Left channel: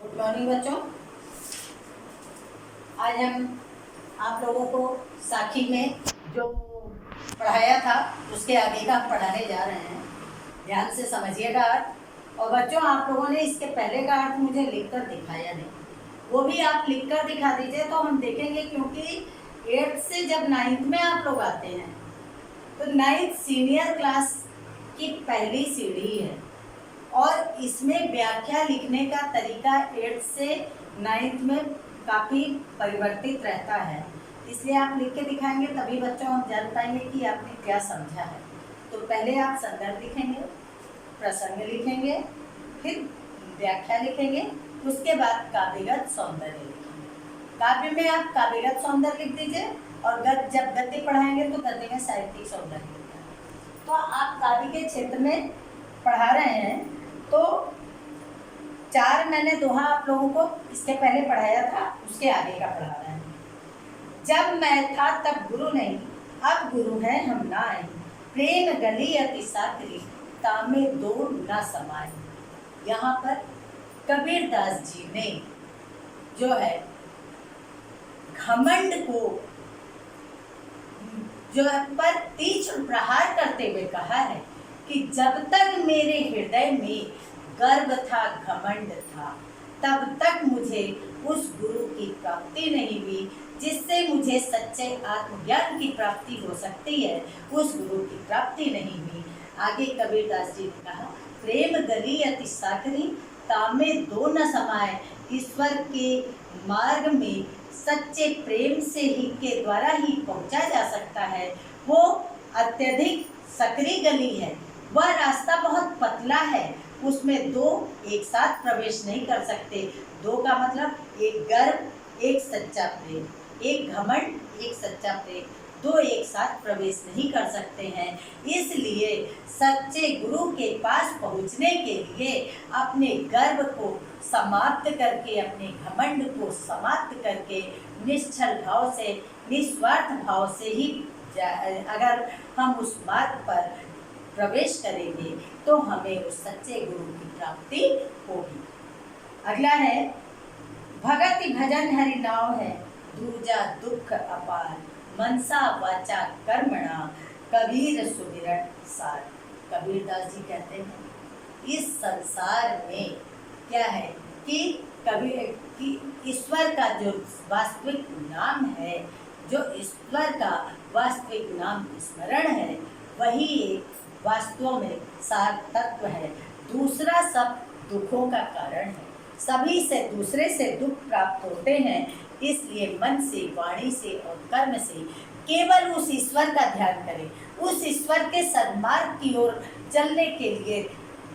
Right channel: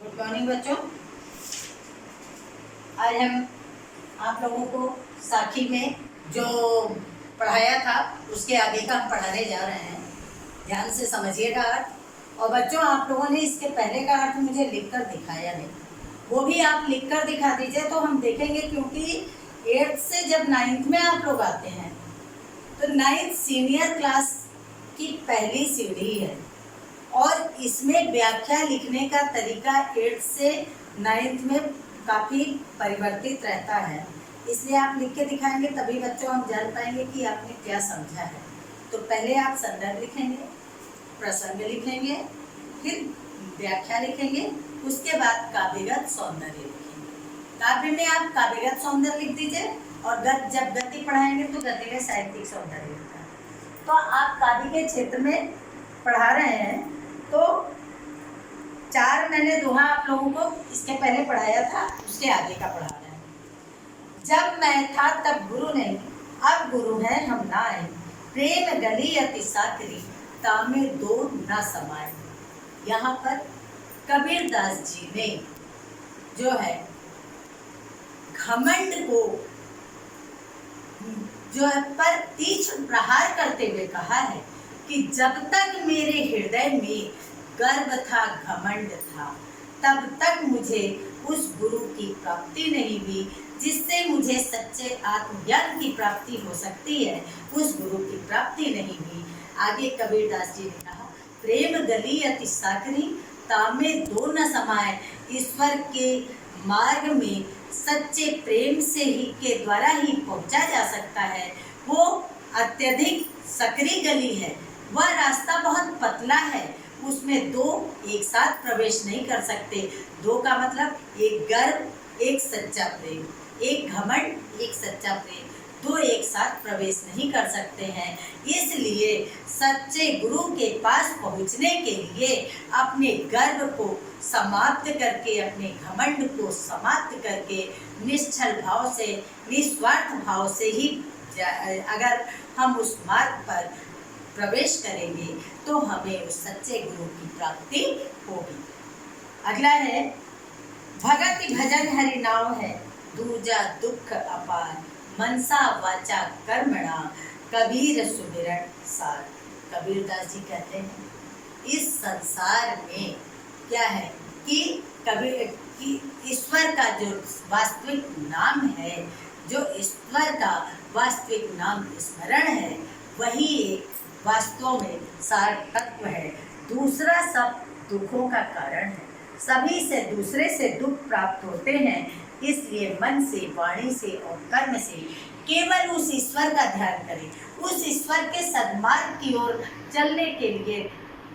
Good morning बच्चों। आज हम आप लोगों को साखी में जो पढ़ाया था उसके आगे का हम पढ़ाने जा रहे हैं। ध्यान से समझिएगा अर्थ। और बच्चों, आप लोगों ने इसके पहले का अर्थ मुझे लिखकर दिखाया नहीं, वो भी आप लिखकर दिखा दीजिए तो हम देखेंगे, क्योंकि 8th से जब 9th में आप लोग आते हैं तो 9th सीनियर क्लास की पहली सीढ़ी है और इसमें व्याख्या लिखने का तरीका 8th से 9th में काफ़ी परिवर्तित रहता है। इसलिए आप लिख के दिखाएंगे तभी बच्चों हम जान पाएंगे कि आपने क्या समझा है। तो पहले आप संदर्भ लिखेंगे, प्रसंग लिखेंगे, फिर व्याख्या लिखेंगे, उसके बाद काव्यगत सौंदर्य लिखेंगे। काव्य में आप काव्यगत सौंदर्य लिख दीजिए और जब गद्य पढ़ाएंगे तो गद्य में साहित्यिक सौंदर्य लिखना है। तो आप काव्य के क्षेत्र में पढ़ा रहे हैं तो 4 मैंने दोहा आप लोगों को इसके पहले पढ़ाया था, उसके आगे का पढ़ा रहे हैं। जब मैं था तब गुरु नहीं, अब गुरु है हम ना आए। प्रेम गली अति साकरी, तामे दो न समाए। यहाँ पर कबीरदास जी ने जो है घमंड को जो है पर तीक्ष्ण प्रहार करते हुए कहा है कि जब तक मेरे हृदय में गर्व था, घमंड था, तब तक मुझे उस गुरु की प्राप्ति नहीं हुई जिससे मुझे सच्चे आत्मज्ञान की प्राप्ति हो सकती है। उस गुरु की प्राप्ति नहीं हुई। आगे कबीरदास जी ने कहा, प्रेम गली अति साकरी, तामे दो न समाए। ईश्वर के मार्ग में सच्चे प्रेम से ही के द्वारा ही पहुंचा जा सकता है। वो अत्यधिक सकरी गली है, वह रास्ता बहुत पतला है, उसमें दो एक साथ प्रवेश नहीं कर सकते। दो का मतलब एक गर्व, एक सच्चा प्रेम, एक घमंड, एक सच्चा प्रेम, दो एक साथ प्रवेश नहीं कर सकते हैं। इसलिए सच्चे गुरु के पास पहुंचने के लिए अपने गर्व को समाप्त करके, अपने घमंड को समाप्त करके निश्चल भाव से, निस्वार्थ भाव से ही अगर हम उस मार्ग पर प्रवेश करेंगे तो हमें उस सच्चे गुरु की प्राप्ति होगी। अगला है, भगति भजन हरि नाम है, दूजा दुख अपार। मनसा वाचा कर्मणा, कबीर सुमिरन सार। कबीरदास जी कहते हैं इस संसार में क्या है कि कबीर कि ईश्वर का जो वास्तविक नाम है, जो ईश्वर का वास्तविक नाम स्मरण है, वही एक वास्तव में सार तत्व है। दूसरा सब दुखों का कारण है। सभी से दूसरे से दुख प्राप्त होते हैं। इसलिए मन से, वाणी से और कर्म से केवल उस ईश्वर का ध्यान करें, उस ईश्वर के सन्मार्ग की ओर चलने के लिए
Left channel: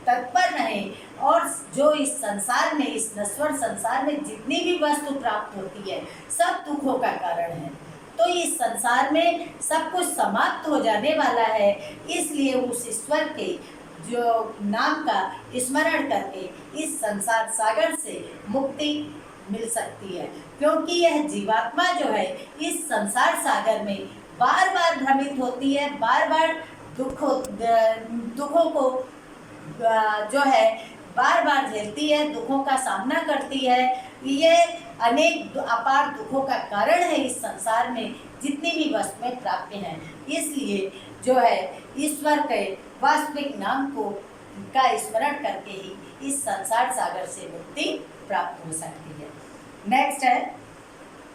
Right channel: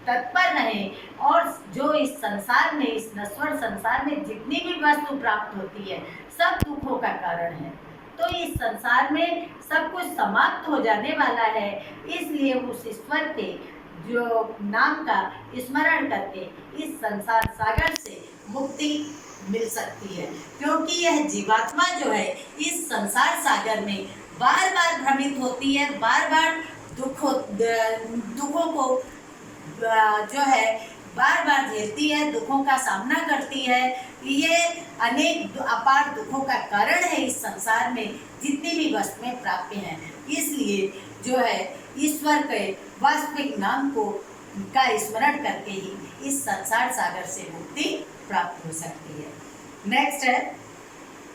तत्पर रहें। और जो इस संसार में, इस नश्वर संसार में जितनी भी वस्तु प्राप्त होती है, सब दुखों का कारण है। तो इस संसार में सब कुछ समाप्त हो जाने वाला है। इसलिए उस ईश्वर के जो नाम का स्मरण करके इस संसार सागर से मुक्ति मिल सकती है। क्योंकि यह जीवात्मा जो है इस संसार सागर में बार बार भ्रमित होती है, बार बार दुखों को जो है बार बार झेलती है, दुखों का सामना करती है। ये अनेक अपार दुखों का कारण है इस संसार में जितनी भी वस्तुएं प्राप्त हैं। इसलिए जो है ईश्वर के वास्तविक नाम को का स्मरण करके ही इस संसार सागर से मुक्ति प्राप्त हो सकती है। नेक्स्ट है,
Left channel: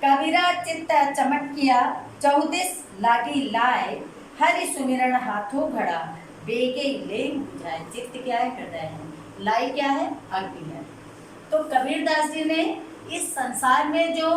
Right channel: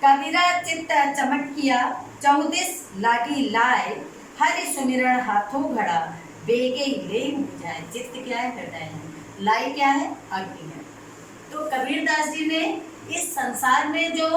कबीरा चित्त चमट किया, 14 लागी लाए। हरि सुमिरन हाथों घड़ा, बेगे ले बुझाए। चित्त क्या है? हृदय है। लाई क्या है? अग्नि है। तो कबीरदास जी ने इस संसार में जो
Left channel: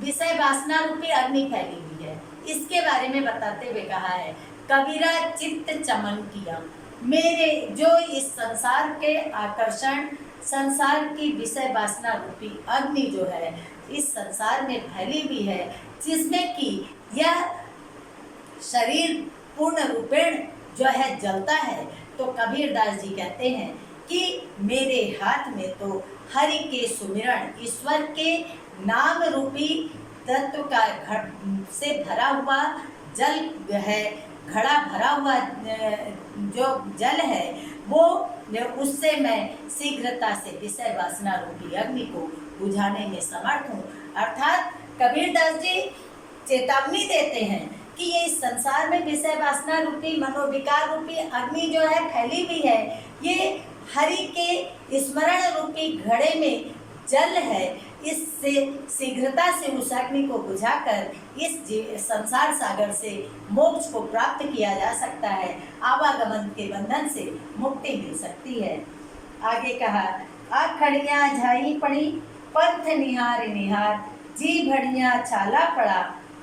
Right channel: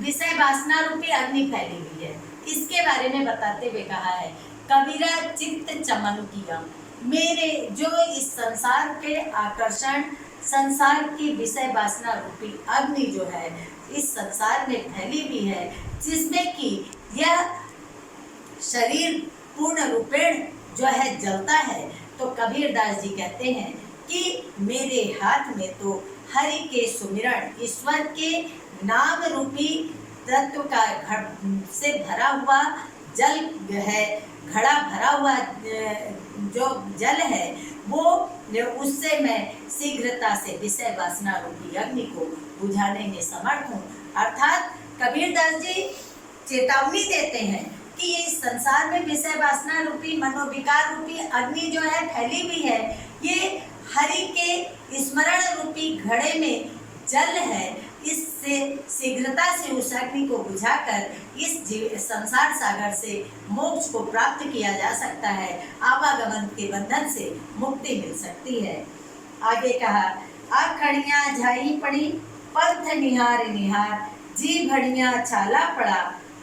विषय वासना रूपी अग्नि फैली हुई है, इसके बारे में बताते हुए कहा है, कबीरा चित्त चमन किया। मेरे जो इस संसार के आकर्षण, संसार की विषय वासना रूपी अग्नि जो है इस संसार में फैली हुई है, जिसमें कि यह शरीर पूर्ण रूपेण जो है जलता है। तो कबीरदास जी कहते हैं कि मेरे हाथ में तो हरि के सुमिरन, ईश्वर के नाम रूपी तत्व का से भरा हुआ जल है, घड़ा भरा हुआ जो जल है वो उससे मैं शीघ्रता से विषय वासना रूपी अग्नि को बुझाने में समर्थ हूँ। अर्थात कबीरदास जी चेतावनी देते हैं कि ये इस संसार में विषय वासना रूपी मनोविकार रूपी अग्नि जो है फैली हुई है, ये हरि के स्मरण रूपी घड़े में जल है। इससे शीघ्रता से उस अग्नि को बुझाकर इस संसार सागर से मोक्ष को प्राप्त किया जा सकता है, आवागमन के बंधन से मुक्ति मिल सकती है। आगे कहा, आखड़ियाँ झाई पड़ी पंथ निहार निहार, जी भड़िया चाला पड़ा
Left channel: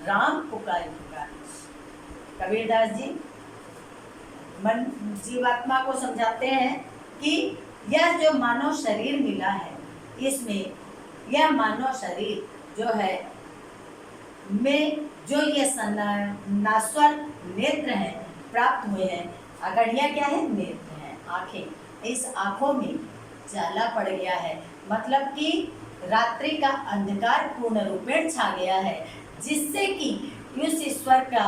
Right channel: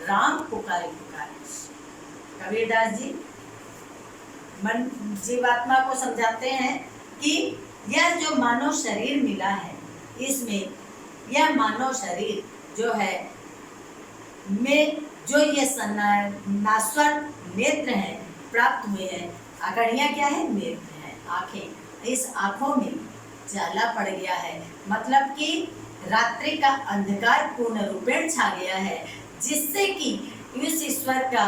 राम पुकारे पुकार। कबीरदास जी मन जीवात्मा को समझाते हैं कि यह जो मानव शरीर मिला है, इसमें यह मानव शरीर जो है में जो ये नास्वर नेत्र हैं प्राप्त हुए हैं। आखड़ियाँ क्या है? नेत्र हैं, आँखें। इस आँखों में जाला पड़ गया है, मतलब कि रात्रि का अंधकार पूर्ण रूपेण छा गया है, जिससे कि उस ईश्वर का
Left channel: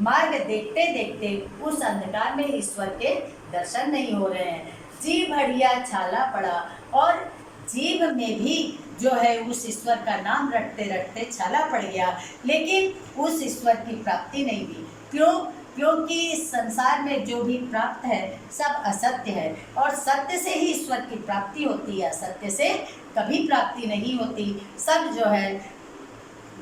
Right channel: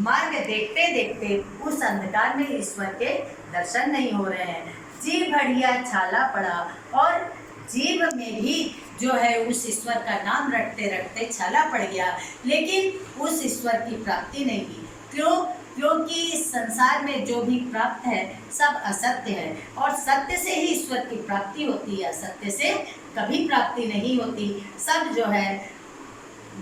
मार्ग देखते देखते उस अंधकार में ईश्वर के दर्शन नहीं हो रहे हैं। जीभ बढ़िया छाला पड़ा, और जीभ में भी जो है उस ईश्वर का नाम रटते रटते छाला पड़ गया, लेकिन उस ईश्वर की प्राप्ति नहीं हुई। क्यों? क्योंकि इस संसार में जो भी प्राप्त है सब असत्य है, और सत्य से ही ईश्वर की प्राप्ति होती है, असत्य से कभी प्राप्ति नहीं होती। सब जो है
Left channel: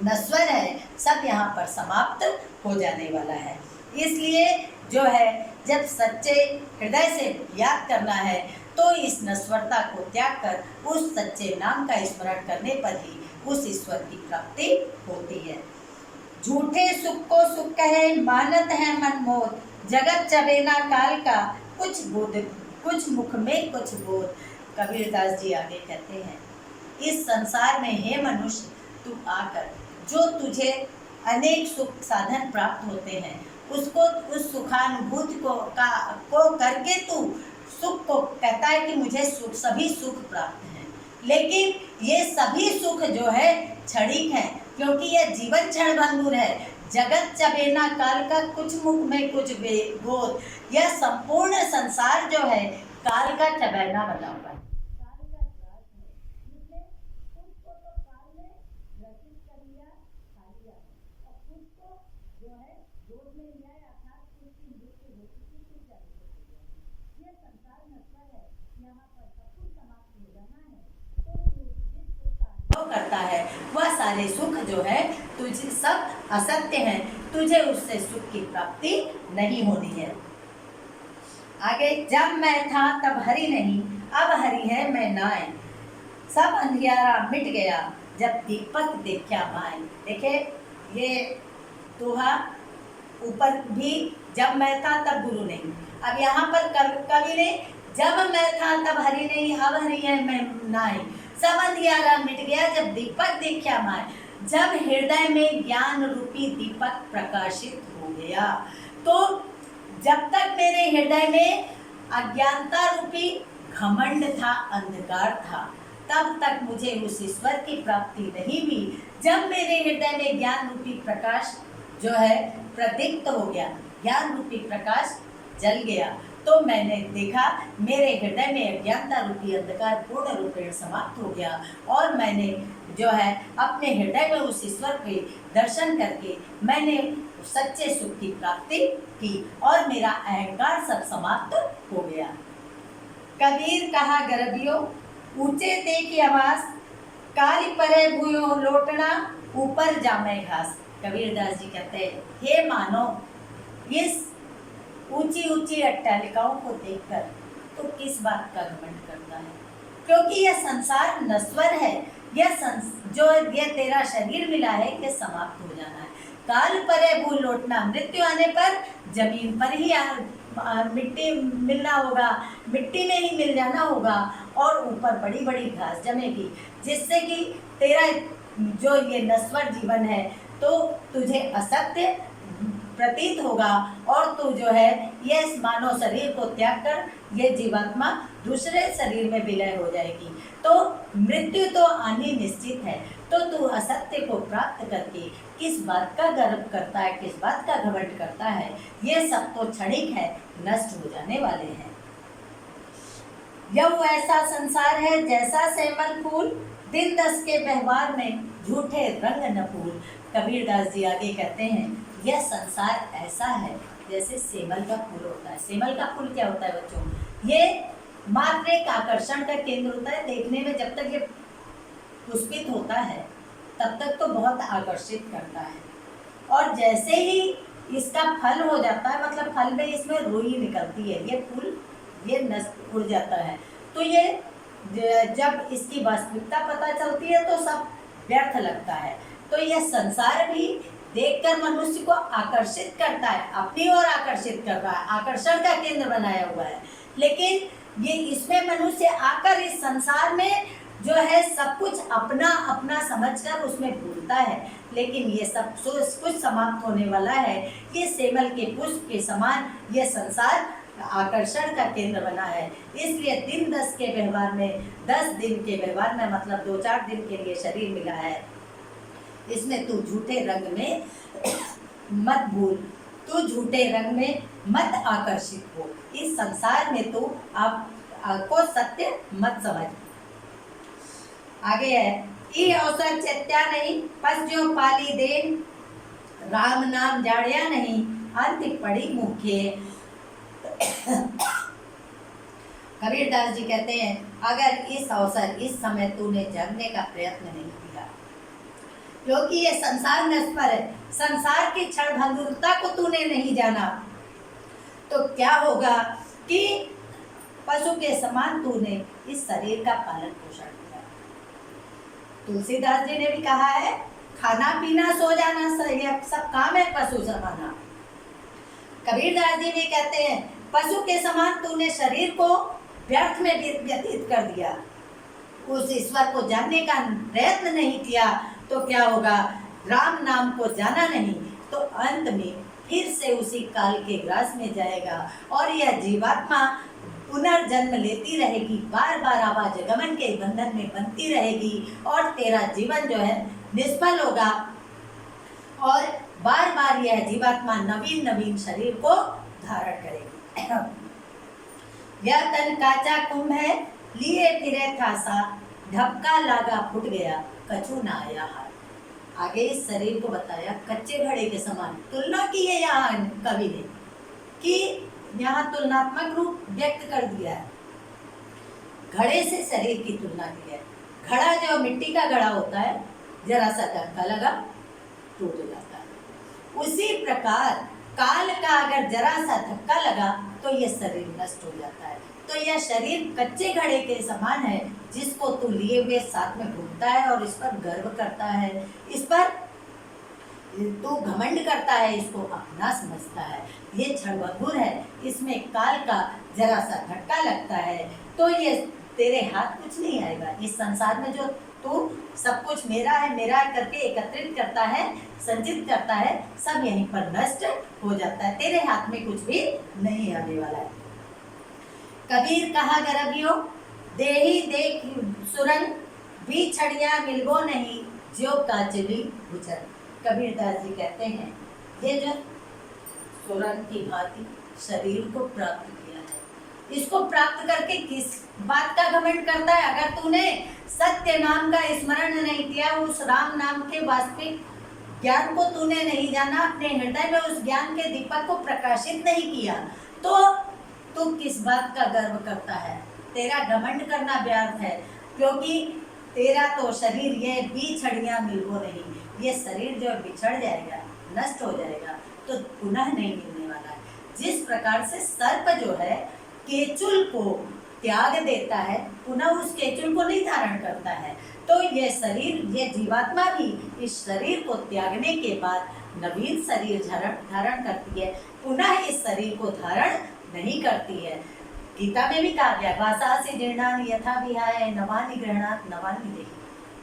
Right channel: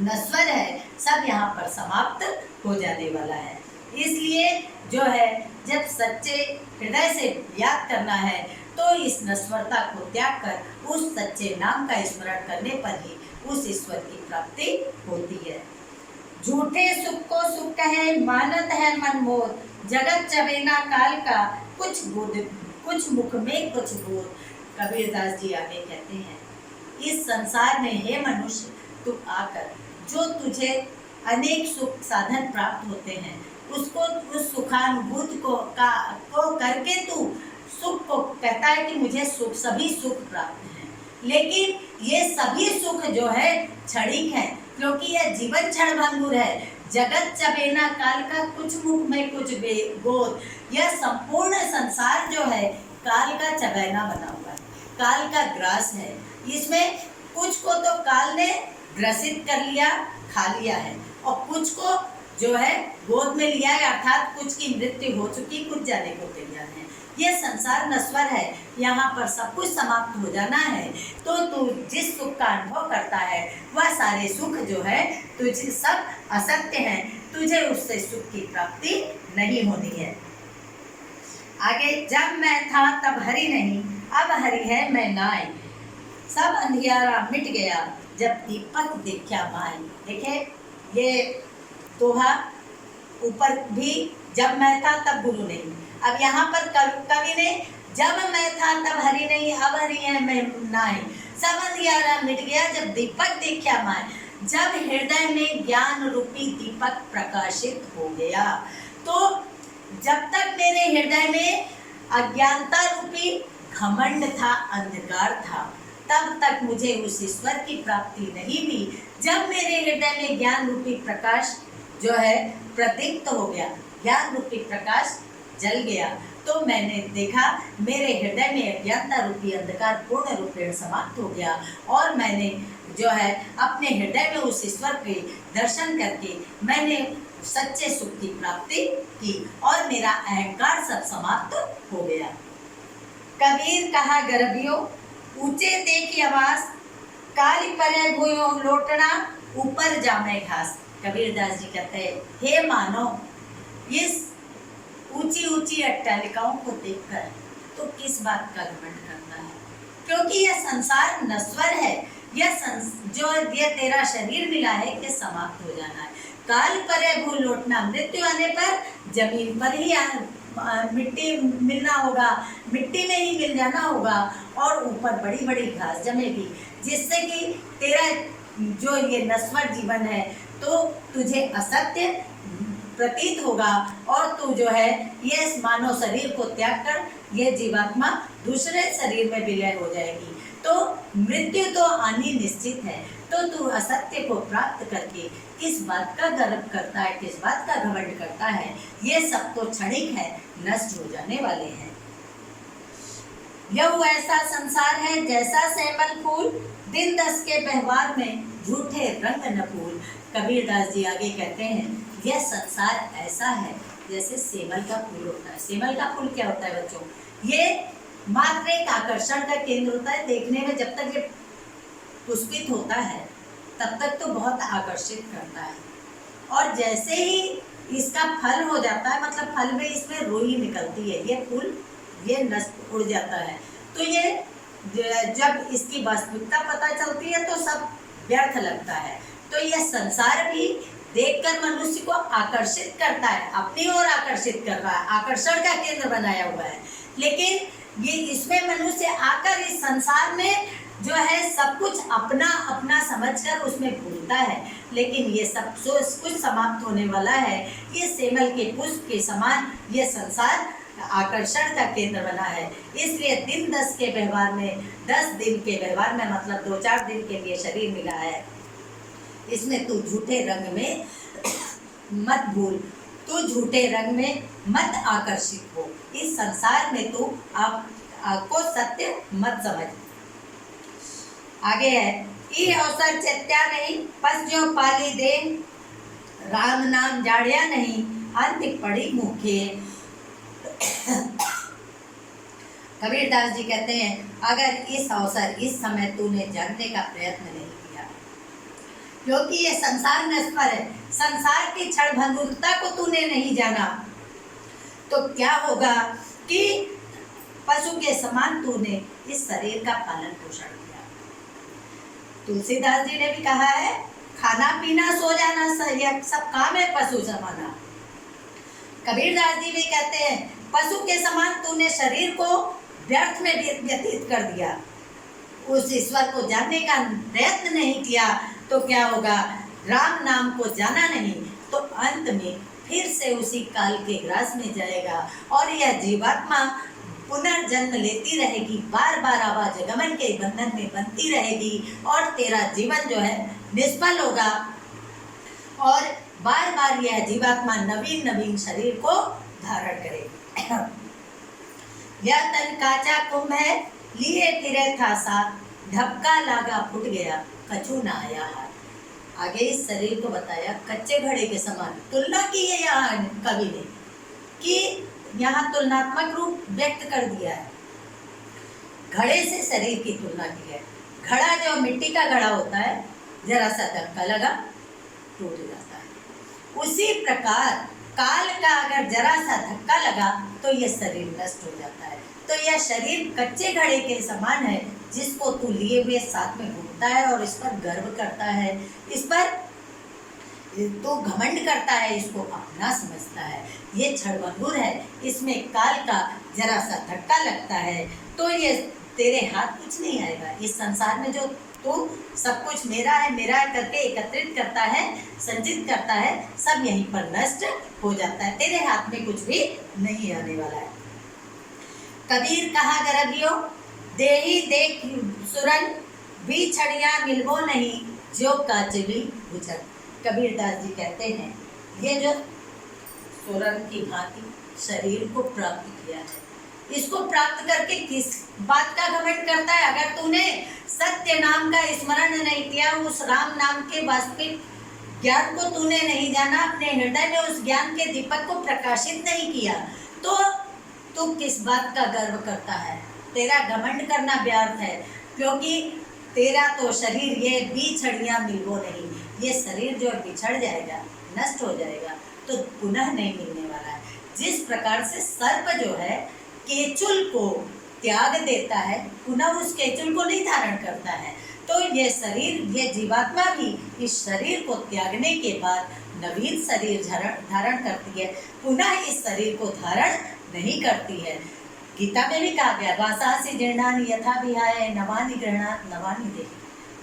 नश्वर है, सब यहाँ पर समाप्त हो जाने वाला है। इसलिए जो है जब सच्चे हृदय से याद करना है तो इस नश्वरता को त्याग कर उस सच्चे नाम का स्मरण करने पर ही उस ईश्वर की प्राप्ति होती है। झूठे सुख को सुख कहे मानत है मन मोद, जगत चबेना काल का कुछ बोध, कुछ मुख में कुछ बोध। कबीरदास जी आगे कहते हैं, इस संसार में हे मनुष्य, तू आकर जो तुझे अनेक सुख साधन प्राप्त होते हैं, उसको उस सुखानुभूति को करके तू सुख को कहता है कि मुझे सुख, सभी सुख प्राप्त हैं, लेकिन ये सभी सुख जो है क्षणिक है, क्योंकि यह जीवन क्षण भंगुर है। जगत चबेना काल का कुछ मुख में कुछ गोद, यह संपूर्ण संसार जो है काल का चबेना बना हुआ है, काल का ग्रास है। इसमें कुछ को तो काल ने ग्रसित कर लिया, खा लिया है, और कुछ को जो है गोद में लिया है, अर्थात कुछ की मृत्यु हो चुकी, कुछ जाने को तैयार है। यह संसार नश्वर है, यहाँ पर सब कुछ समाप्त हो जाना है। तो तू जिस सुख का अनुभव करता है वह सारे सुख जो है तुझे सब असत्य हैं, तुझे उससे सुख की प्राप्ति नहीं होनी है। आगे, जब मैं था तब हरि नहीं, अब हरि है मैं नाय, सब अंधियारा मिट गया जब दीपक देखा माय। देखे ये दोहा ऊपर भी जब मैं था तब गुरु नहीं, अब यहाँ पर कवि ने जब मैं था तब हरि नहीं, अब हरि है मैं नाय, सब अंधियारा मिट गया जब दीपक देखा माय। जब हृदय में ज्ञान रूपी दीपक प्रकाशित हो गया, तो जब तक मेरे हृदय में अज्ञानता रूपी घमंड था, अंधकार था, तब तक मुझे उस ईश्वर की प्राप्ति नहीं हुई। जब मेरे हृदय में ज्ञान रूपी प्रकाश जो है प्रदीप्त हो गया, ज्ञान रूपी प्रकाश जल गया, तो मैंने देखा मेरे हृदय में अज्ञानता रूपी अंधकार पूर्ण रूपेण समाप्त हो गया, और मैंने जो है अपने हृदय में उस ईश्वर के दर्शन करके मैंने सच्चे सुख की प्राप्ति की, और मेरा अहंकार सब समाप्त हो गया। कबीर कहा गर्भियो, ऊंचे देखी आवास, काली परे भूयो लोटना, ऊपर जामे घास। कबीरदास जी कहते हैं, हे मानव, इस ऊंची ऊंची अट्टालिकाओं को देखकर तो किस बात का घमंड करता है, क्योंकि यह संसार नश्वर है। जो ये तेरा शरीर मिला है ये समाप्त हो जाना है। काल परे भू लौटना, मृत्यु आने पर जमीन पर ही मिट्टी मिलना होगा, मिट्टी में ही मिल जाना होगा, और ऊपर बड़ी बड़ी घास जमेगी, जिससे कि तेरा जो ये नश्वर जीवन है तो तुझे असत्य प्रतीत होगा, और तू जो है ये इस मानव शरीर को त्याग कर ये जीवात्मा दूसरे शरीर में विलय हो जाएगी। तो मृत्यु तो आनी निश्चित है, तो तू असत्य को प्राप्त करके किस बात का गर्व करता है, किस बात का घमंड करता है। ये सब तो क्षणिक है, नष्ट हो जाने वाले हैं। यह वो ऐसा संसार है जैसा सेमल फूल, दिन दस के व्यवहार में झूठे रंग न फूल। कबीरदास जी आगे कहते हैं यह संसार ऐसा है जैसे सेमल का फूल होता है। सेमल का फूल क्या होता है बच्चों? ये मात्र एक आकर्षण का केंद्र होता है। देखने में जब तक ये पुष्पित होता है तब तक तो बहुत आकर्षित करता है, और जैसे ही इसका फल हो जाता है, मतलब फल में इसमें रुई निकलती है, ये फूल ये नष्ट उड़ जाता है। तो ये जब इसकी वास्तविकता पता चलती है तो सब व्यर्थ लगता है। तो यह संसार भी देखकर मनुष्य को आकर्षित करता है, अपनी ओर आकर्षित कर रहा है, आकर्षण का केंद्र बनाया हुआ है। लेकिन ये इसमें मनुष्य आकर इस संसार में जो है सब कुछ अपना अपना समझकर उसमें भूलता है। लेकिन ये सब कुछ समाप्त होने वाला है। ये सेमल के पुष्प के समान ये संसार आकर्षण का केंद्र बना है। इसलिए दिन दस के व्यवहार में, 10 दिन के व्यवहार में मतलब 2-4 दिन के लिए शरीर मिला है, इसमें तू झूठे रंग में मत भूल, तू झूठे रंग में मत आकर्षित हो, इस संसार में तू आपको सत्य मत समझ। आगे है, ये अवसर चत्या नहीं, पस जो पाली दे, राम नाम जाड़िया नहीं, अंत पड़ी मुखे। कबीरदास जी कहते हैं अगर इस अवसर, इस समय तूने जानने का प्रयत्न नहीं किया, क्योंकि ये संसार नश्वर है, संसार की क्षण भंगुरता को तूने नहीं जाना, तो क्या होगा कि पशु के समान तूने इस शरीर का पालन पोषण किया। तुलसीदास जी ने भी कहा है खाना पीना सो जाना सब काम है पशु समाना। कबीरदास जी भी कहते हैं पशु के समान तूने शरीर को व्यर्थ में व्यतीत कर दिया, उस ईश्वर को जानने का प्रयत्न नहीं किया, तो क्या होगा? राम नाम को जाना नहीं तो अंत में फिर से उसी काल के ग्रास में जाएगा और यह जीवात्मा पुनर्जन्म लेती रहेगी, बार बार आवागमन के बंधन में बनती रहेगी और तेरा जीवन जो है निष्फल होगा और बार बार यह जीवात्मा नवीन नवीन शरीर को धारण करेगी। यह तन काचा कुंभ है, लिए फिरे था साथ, ढपका लागा फुट गया, कछु ना आया हाथ। आगे इस शरीर को बताया कच्चे घड़े के समान, तुलना की है यहाँ कवि ने, कि यहाँ तुलनात्मक रूप व्यक्त कर दिया है, घड़े से शरीर की तुलना की है। घड़ा जो मिट्टी का घड़ा होता है, जरा सा धक्का लगा टूट जाता है, उसी प्रकार काल का अगर जरा सा धक्का लगा तो यह शरीर नष्ट हो जाता है। तो यह शरीर कच्चे घड़े के समान है जिसको तू लिए हुए साथ में घूमता है और इस पर गर्व करता है, इस पर तो घमंड करता है, इसको अपना समझता है। ये क्षणभंगुर है, इसमें काल का जरा सा धक्का लगता है तो ये तेरे हाथ कुछ नहीं आएगा। इस संसार में जो तू सब कुछ मेरा है करके एकत्रित करता है, संचित करता है, सब यहीं पर नष्ट हो जाता है, तेरे हाथ में कुछ भी नहीं आने वाला है। कबीर कहा गरबियो, देही देख सुरन, बिछड़िया मिलबो नहीं, जो काचली भुजन। कबीरदास जी कहते हैं ये जो सुरन की भांति शरीर को प्राप्त किया है, इसको प्राप्त करके किस बात का घमंड करता है? अगर तूने सत्य नाम का स्मरण नहीं किया, उस राम नाम के वास्तविक ज्ञान को तूने नहीं जाना, अपने हृदय में उस ज्ञान के दीपक को प्रकाशित नहीं किया, तो तू किस बात का गर्व करता है? तेरा घमंड करना व्यर्थ है, क्योंकि तेरा तो शरीर ये बिछड़ियाँ मिलबो नहीं, ये शरीर जो बिछड़ जाएगा, नष्ट हो जाएगा, तो पुनः नहीं मिलने वाला है। जिस प्रकार से सर्प जो है केचुल को त्याग देता है, पुनः उस केचुल को नहीं धारण करता है, तो ये शरीर, ये जीवात्मा भी इस शरीर को त्यागने के बाद नवीन शरीर धारण करती है, पुनः इस शरीर को धारण नहीं करती है। गीता में भी कहा गया वासासि जीर्णानि यथा विहाय नवानि गृह्णात नवानि देहि,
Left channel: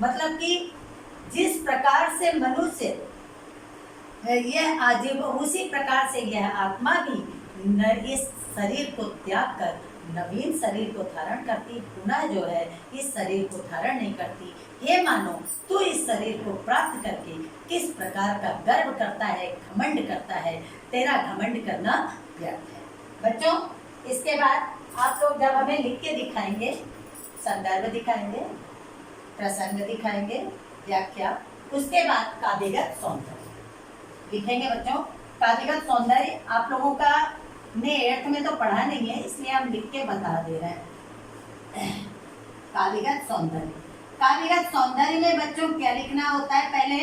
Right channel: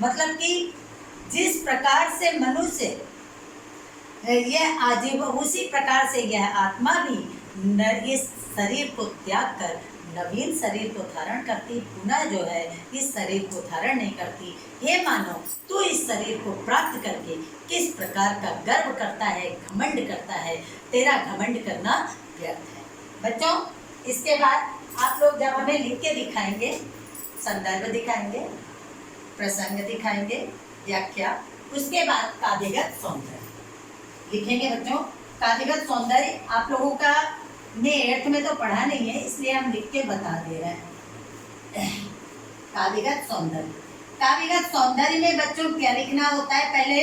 मतलब कि जिस प्रकार से मनुष्य यह आजीव, उसी प्रकार से यह आत्मा भी इस शरीर को त्याग कर नवीन शरीर को धारण करती, पुनः जो है इस शरीर को धारण नहीं करती। हे मानो, तू इस शरीर को प्राप्त करके किस प्रकार का गर्व करता है, घमंड करता है, तेरा घमंड करना व्यर्थ है। बच्चों, इसके बाद आप लोग जब हमें लिख के दिखाएंगे, संदर्भ दिखाएंगे, प्रसंग दिखाएंगे, व्याख्या, उसके बाद काव्यगत सौंदर्य लिखेंगे बच्चों। काव्यगत सौंदर्य आप लोगों का ने 8th में तो पढ़ा नहीं है, इसलिए हम लिख के बता दे रहे हैं। काव्यगत सौंदर्य, काव्यगत सौंदर्य में बच्चों क्या लिखना होता है? पहले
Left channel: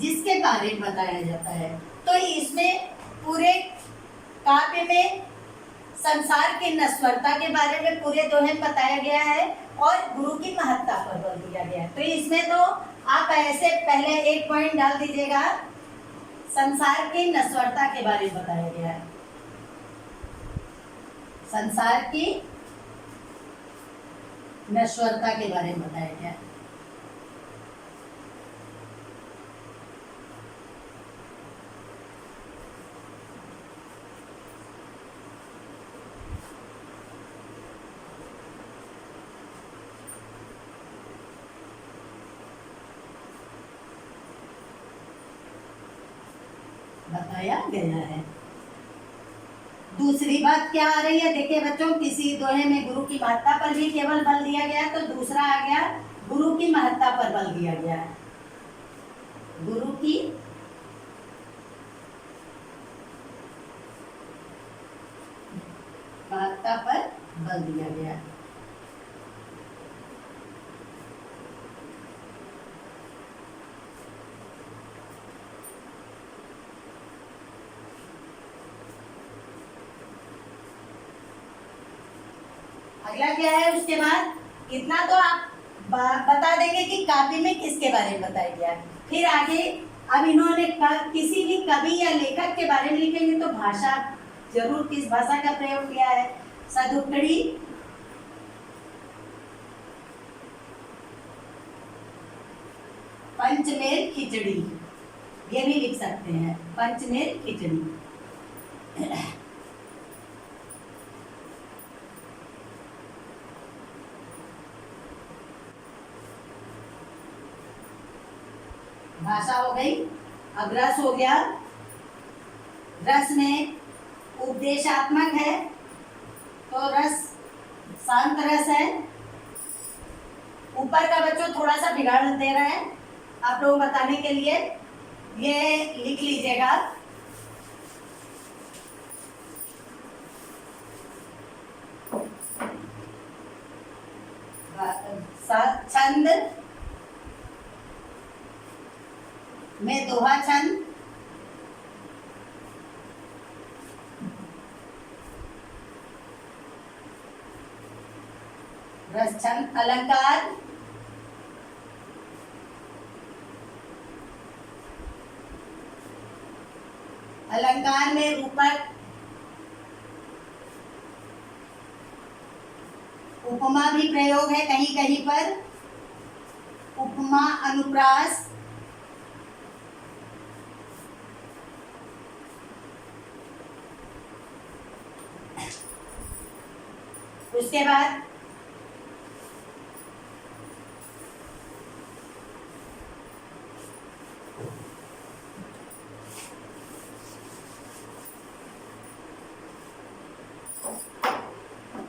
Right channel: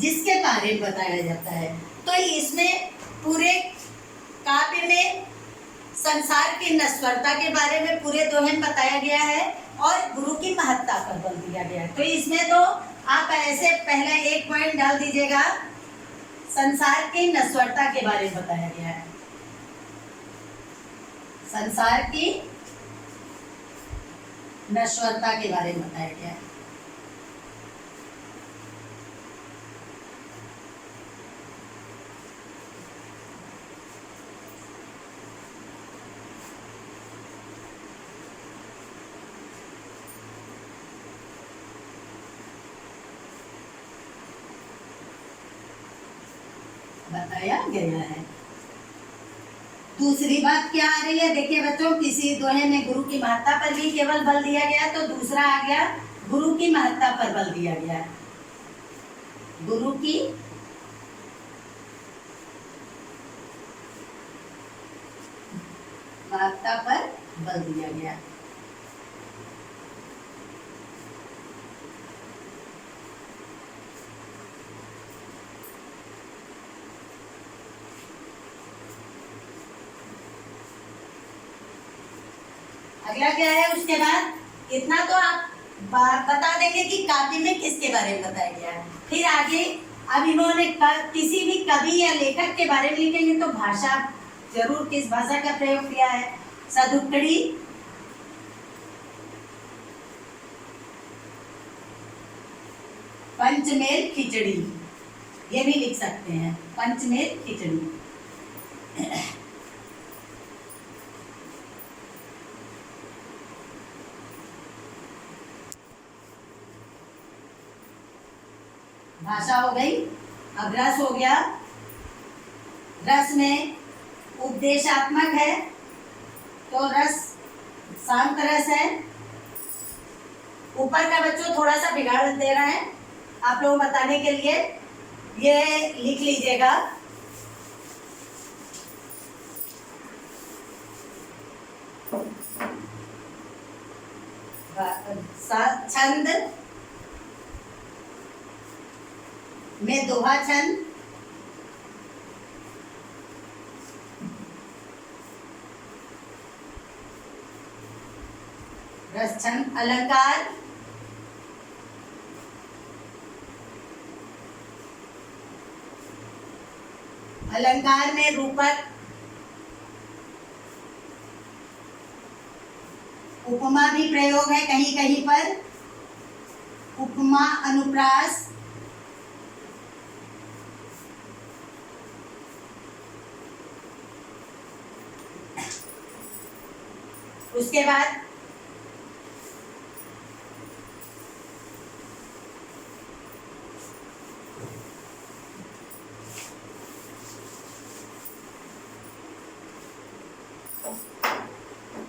जिसके बारे में बताया जाता है, तो इसमें पूरे काव्य में संसार की नश्वरता के बारे में पूरे दोहे में बताया गया है और गुरु की महत्ता पर बल दिया गया है। तो इसमें तो आप ऐसे पहले एक पॉइंट डाल दीजिएगा, संसार की नश्वरता के बारे में बताया गया है। संसार की नश्वरता के बारे में बताया गया है। बताया गया है। दूसरी बात क्या आ रही है? देखिए बच्चों, किसी दोहे में गुरु की महत्ता पर भी केवल बल दिया गया, तो दूसरा आ गया गुरु की महत्ता पर बल दिया गया है। गुरु की महत्ता पर बल दिया गया है। अगला क्या है? उसके बाद इतना तो आप बता देंगे कि काव्य में किसके बारे में बताया गया है। फिर आगे अब इन्होंने किसी भी कवि या लेखक के बारे में लिखेंगे, तो भाषा जरूर किस भाषा का प्रयोग किया है। सदुक्कड़ी, पंचमेल खिचड़ी, ये भी लिख सकते हैं, पंचमेल खिचड़ी। भाषा हो गई। अब रस हो गया। रस में उपदेशात्मक है, तो रस शांत रस है। ऊपर का बच्चों थोड़ा सा बिगाड़ दे रहा है आप लोगों को बताने के लिए, ये लिख लीजिएगा। छंद में दोहा छंद, रस छंद। अलंकार, अलंकार में रूपक, उपमा भी प्रयोग है कहीं कहीं पर, उपमा, अनुप्रास। उसके बाद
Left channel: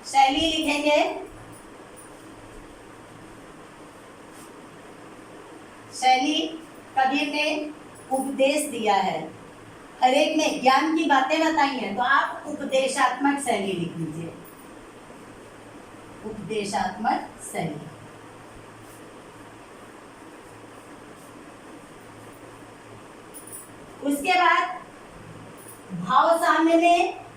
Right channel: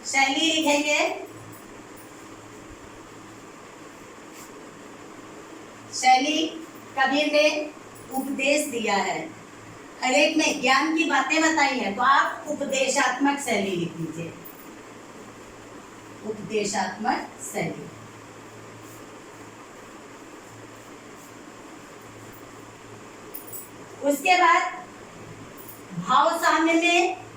शैली लिखेंगे। शैली कबीर ने उपदेश दिया है, हर एक में ज्ञान की बातें बताई हैं, तो आप उपदेशात्मक शैली लिख लीजिए। उपदेशात्मक शैली। उसके बाद भाव साम्य में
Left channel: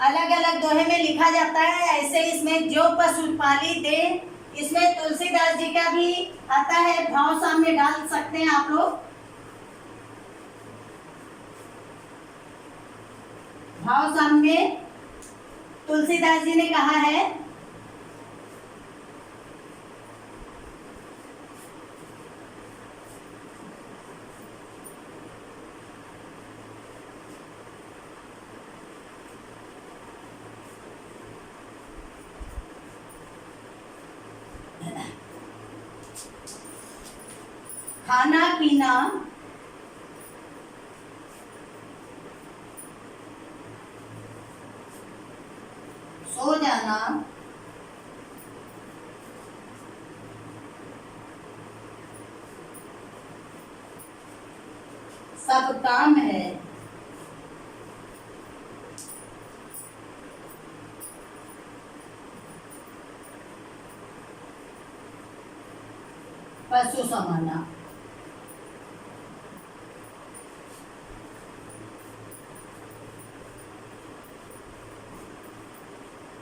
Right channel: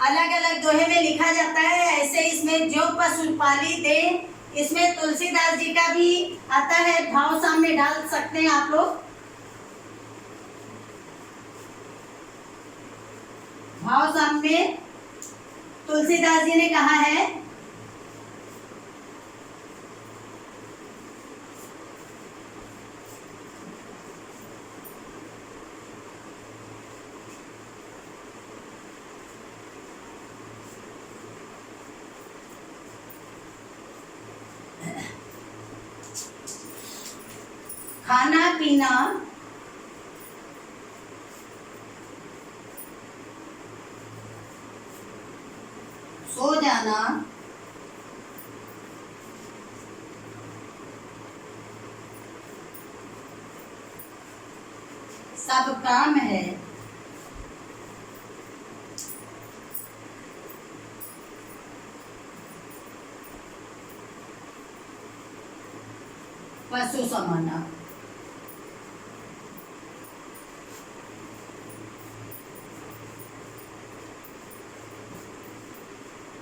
अलग अलग दोहे में लिखा जाता है, ऐसे इसमें जो पशु पाली दे, इसमें तुलसीदास जी का भी आता है, भाव साम्य डाल सकते हैं आप लोग। भाव साम्य तुलसीदास जी ने कहा है, खाना पीना सब काम है, पशु समाना।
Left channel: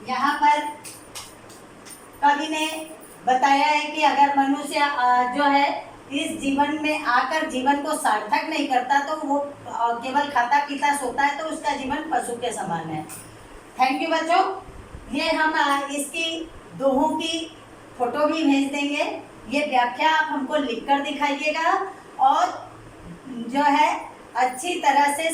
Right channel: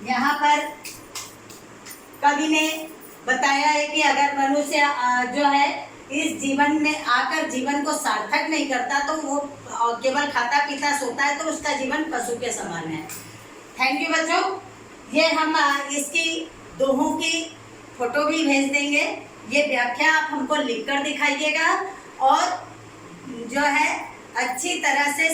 यहाँ पर कवि ने बताया है कि अगर मनुष्य जो है इस जीवन में आकर जीवन को सार्थक नहीं करता तो वो केवल खाता पीता सोता है तो उसका जीवन पशु के समान है। थैंक यू बच्चों। ये हम इसकी दोहों की फोटो भी भेज देंगे। ये व्याख्या आप हमको लिखकर दिखाइएगा और जो है अच्छी तरह से